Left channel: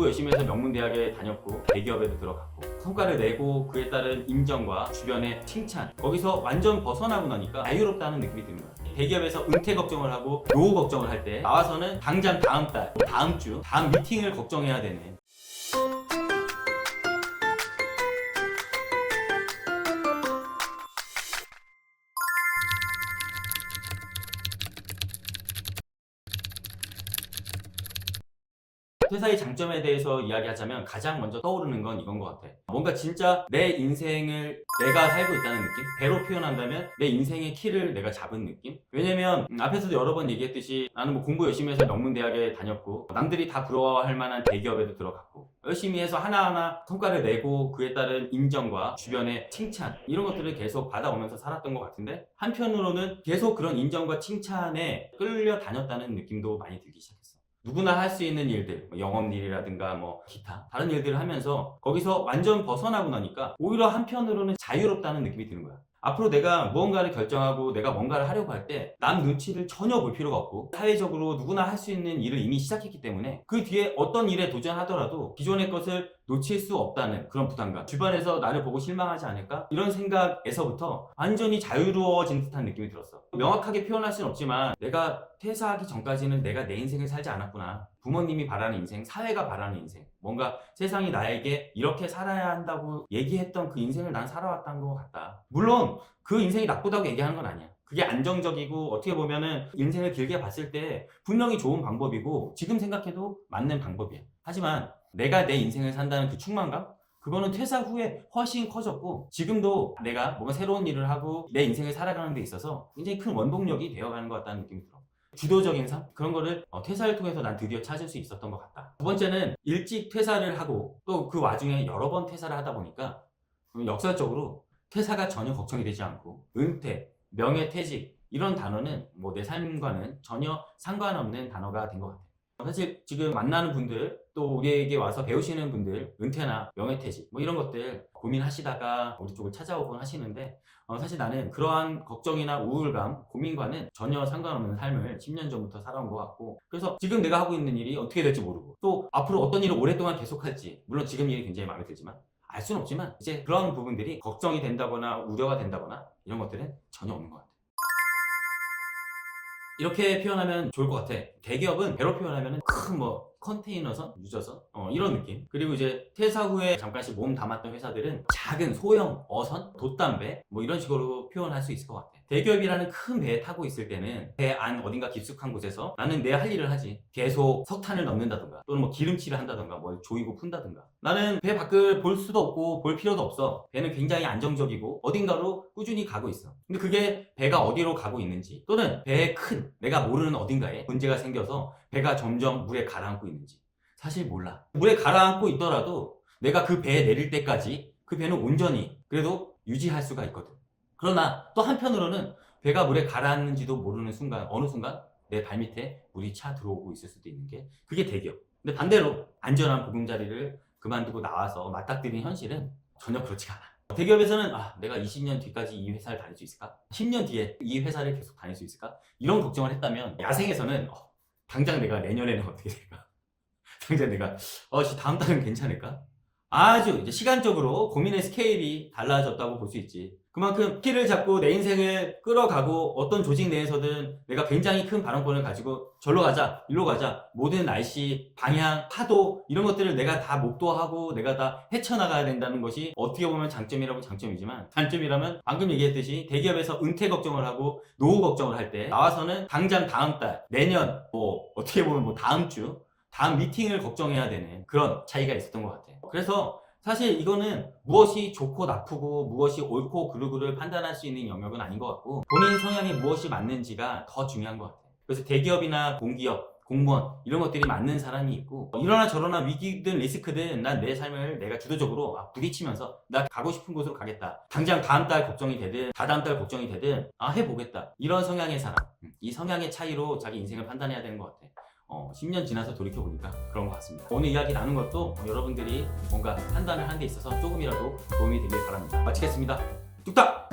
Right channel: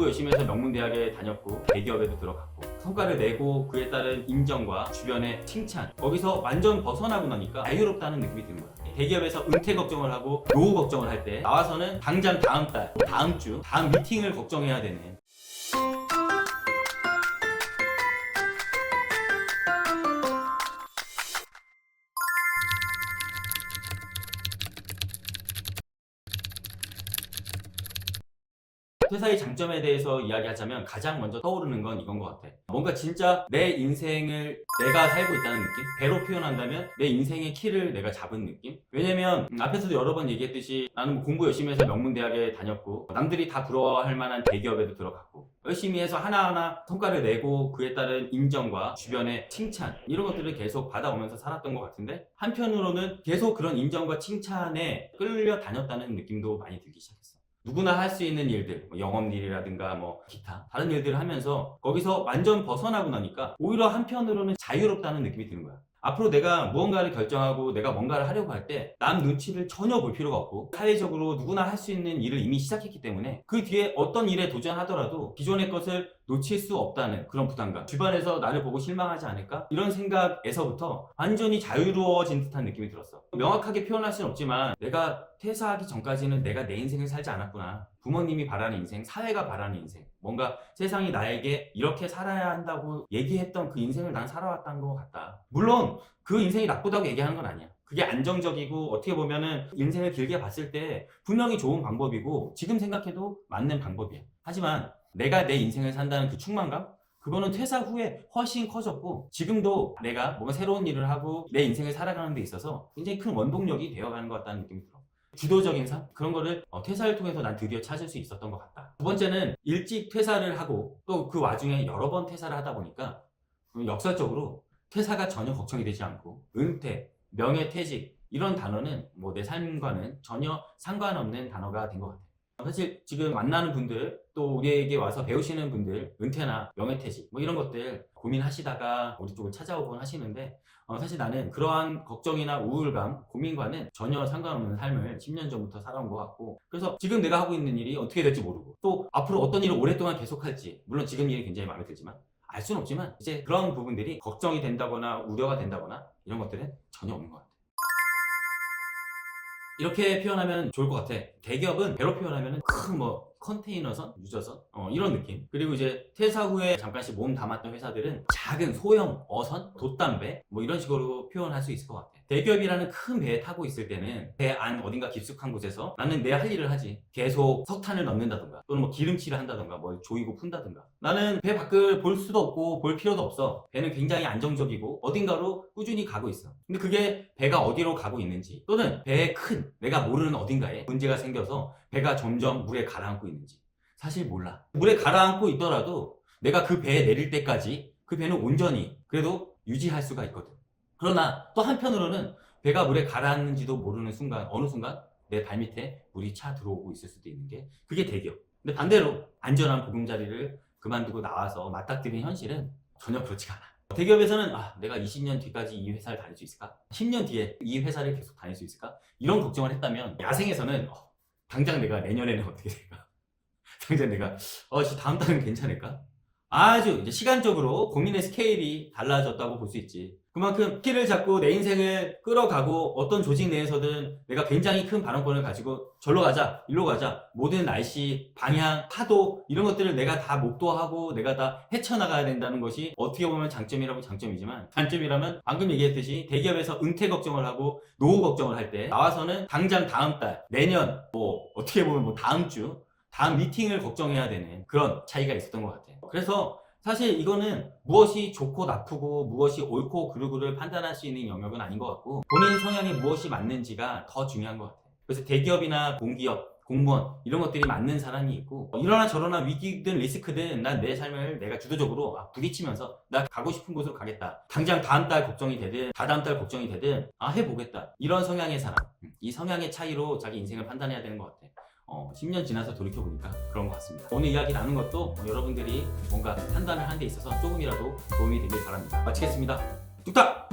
공부 열심히 해서 명문대학에 다녔고 대기업에도 들어갔고 성과를 내고 그에 따른 인정과 주변의 칭찬, 거기서 완전 벗어나고 나니까 자유롭다는 느낌이 듭니다. 대기업에서 은퇴 걱정을 하고 노후 걱정을 할 때 나와서는 당장 다음 달, 다음 주, 다음 미팅을 걱정해야 되는, 퇴사의 장점에 대해서 이야기하자면 가장 먼저 떠오르는 건 이건 것 같아. 뭔가 진짜 내 인생을 내가 살고 있다는 느낌? 배로 표현한다면 내 인생의 키를 내가 잡은 느낌? 왜냐면 앞에서도 여러 번 얘기했듯이 나는 뭐 공부 열심히 해서 명문대학에 다녔고 남들이 다 부러워할 만한 대기업에도 들어갔고 열심히 해서 하나하나 성과를 내고 그에 따른 인정과 주변의 칭찬, 이런 것들을 계속 받아오면서 살았던 것 같은데, 한편으로는 계속 그런 인정과 칭찬에 끌려다녔다는 느낌도 많이 들기 시작했어. 누구나 할 수 있는 일들, 뭐 영업일이라든가 뭐 기타 다른 일들을 하면서 거기서 완전 벗어나고 나니까 오히려 한편으로는 자유롭다는 느낌이 드는 거야. 앞으로 내가 무언가를 결정하고 내가 뭔가를 하려고 할 때 남 눈치를 전혀 볼 필요가 없고 사회적으로 누구나 할 수 있는 일을 이미 시작했기 때문에 그 뒤에 어떤 일에 도전하더라도 기존의 것을 놓칠 수 없다는 그런 부담감, 주변에서 나를 보고 실망하지 않을까? 이런 생각에서부터 완전히 자유로워진 듯한 느낌이 들었어. 명확하게 표현할 수는 없지만 내가 퇴사하기 전까지는 내가 내 인생을 살지 않았구나. 부모님이 바라는 인생, 사회가 바라는 인생, 뭔가 세상이 나에게 이렇게 살아야 한다고 얘기했던 그 인생을 난 살아왔다는 것 같다. 물론 그 인생이 나쁘다고 얘기하는 건 아니야. 그게 안정적이고 어떻게 보면은 인생을 길게 봤을 때 분명히 좋은 방법이고 지금 생각해도 맞는 방법이야. 하지만 내가 내 인생을 산다는 그 충만감? 그거는 퇴사 후에 훨씬 커졌고 지금도 내가 뭔가 새로운 일을 하고 내 인생을 살아가는 데 있어서 굉장히 큰 원동력이 되어가는 것 같다는 느낌이 들어. 주도적인 삶? 그런 거를 퇴사를 통해서 난 드디어 찾을 수 있었던 것 같다. 두 번째는 일찍 퇴사를 하고 또 그 와중에 여러 번 퇴사를 하다 보니까 역설적으로 퇴사가 전혀 걱정이 되지 않고 은퇴, 명예퇴직 이런 단어는 뭐 내 삶과는 전혀 상관없는 단어가 된 것 같아요. 사실 지금 만나는 분들 또 우리에게 와서 배우시는 분들 은퇴나 명예퇴직 뭐 이런 것들 고민하시다가 우리 쪽을 찾아오곤 하시는데 사실 나는 그러한 걱정이나 우울감, 고민과는 전혀 상관없는 삶을 10년 전부터 살아온 것 같고, 그래서 지금 내가 하고 있는 일이 어떻게 될지 모르고 또 앞으로 어떤 일을 오랫동안 계속할지, 물론 지금 일이 굉장히 마음에 들지만 알 수는 없지만 이제 그런 부분들이 걱정이 된다거나 우려가 된다거나 이런 것들은 전혀 없는 것 같아요. 이렇게 표현하면 좋을 것 같아. 대기업은 배로 표현하면 큰 뭐 컨테이너선, 유저선 이런 느낌. 그리고 이제 퇴사 후에 잠깐씩 몸 담았던 회사들은 작은 소형 어선, 돛담배 뭐 이런 식으로 표현할 수 있을 것 같아. 대기업이라는 큰 배에 타고 있을 때는 배 안 어딘가 깊숙한 곳에서 나는 내 할 일을 하지. 계속 석탄을 넣는다든가 또는 뭐 기름칠을 한다든가 뭐 조이고 푼다든가. 나는 배 밖을 볼 수도 없고 볼 필요도 없어. 배는 굉장히 안정적이고 어딘가로 꾸준히 가고 있어. 근데 그게 배가 어디로 가고 있는지 또는 배의 큰 내가 모르는 어딘가에 문제가 생겨서 배가 점점 물에 가라앉고 있는지 사실 몰라. 물에 가라앉고 있더라도 내가 그 배에 내릴 때까지 그 배는 온전히 그래도 유지할 수가 있거든. 그러나 또 한편으로는 배가 물에 가라앉는지도 모르는 순간, 어느 순간 내 발밑에 물이 차 들어오고 있을 수도 있는 게 그게 대기업. 근데 반대로 안전한 보금자리를 그만두고 나와서 맞닥뜨린 현실은 전혀 그렇지가 않아. 대기업에서는 내가 20년 뒤까지 이 회사를 다닐 수 있을까? 10년 뒤에 이 회사를 계속 다닐 수 있을까? 이런 걱정을 했다면 야생에서는 당장 내가 내년에는 어떻게 될까? 당장 내가 다음 달은 괜찮을까? 아주 이제 시간적으로 고민의 스케일이 달라졌다고 볼 수 있지. 그만큼 키를 잡고 내 인생을 끌어가고 어떤 조직 내에서는 내가 굉장히 큰 발언권을 가지고 절로 가자, 일로 가자, 모든 날씨, 방향, 파도 이런 것들을 내가 다 목도하고 내가 다 헤쳐나가야 된다는 것이 어떻게 보면 장점이라고 장점이지만, 단점이라면 방금 얘기했듯이 대기업에서 은퇴 걱정을 하고 노후 걱정을 할 때 나와서는 당장 다음 달, 내년, 뭐 어떻게 보면 뭐 다음 주 다음 미팅을 걱정해야 되는 그런 차이가 있었던 것 같아요. 그래서 사실 이거는 무엇이 좋고 나쁘고 무엇이 옳고 그르고를 판단할 수 있는 영역은 아닌 것 같고 본인 성향에 무엇이 맞는지가 더 중요한 것 같아요. 그래서 대기업이나 공기업, 공무원 이런 것들이 맞는 사람이 있고 이러나 저러나 위기든 리스크든 난 내 삶을 내가 주도적으로 부딪히면서 나 가고 싶은 곳으로 가겠다. 당장 다음 달 걱정이 되든 다다음 달 걱정이 되든 해보겠다. 이런 성향의 사람. 이 성향의 차이로 자기 인생을 판단해야 되는 것 같아요. 10년 지나서 돌이켜보니까 그런 것 같습니다. 오늘 이야기 나눈 것도 여러분들이 뭔가 판단을 하는 데 있어서 조금이라도 도움이 되길 바랍니다. 마치겠습니다. 뚝딱!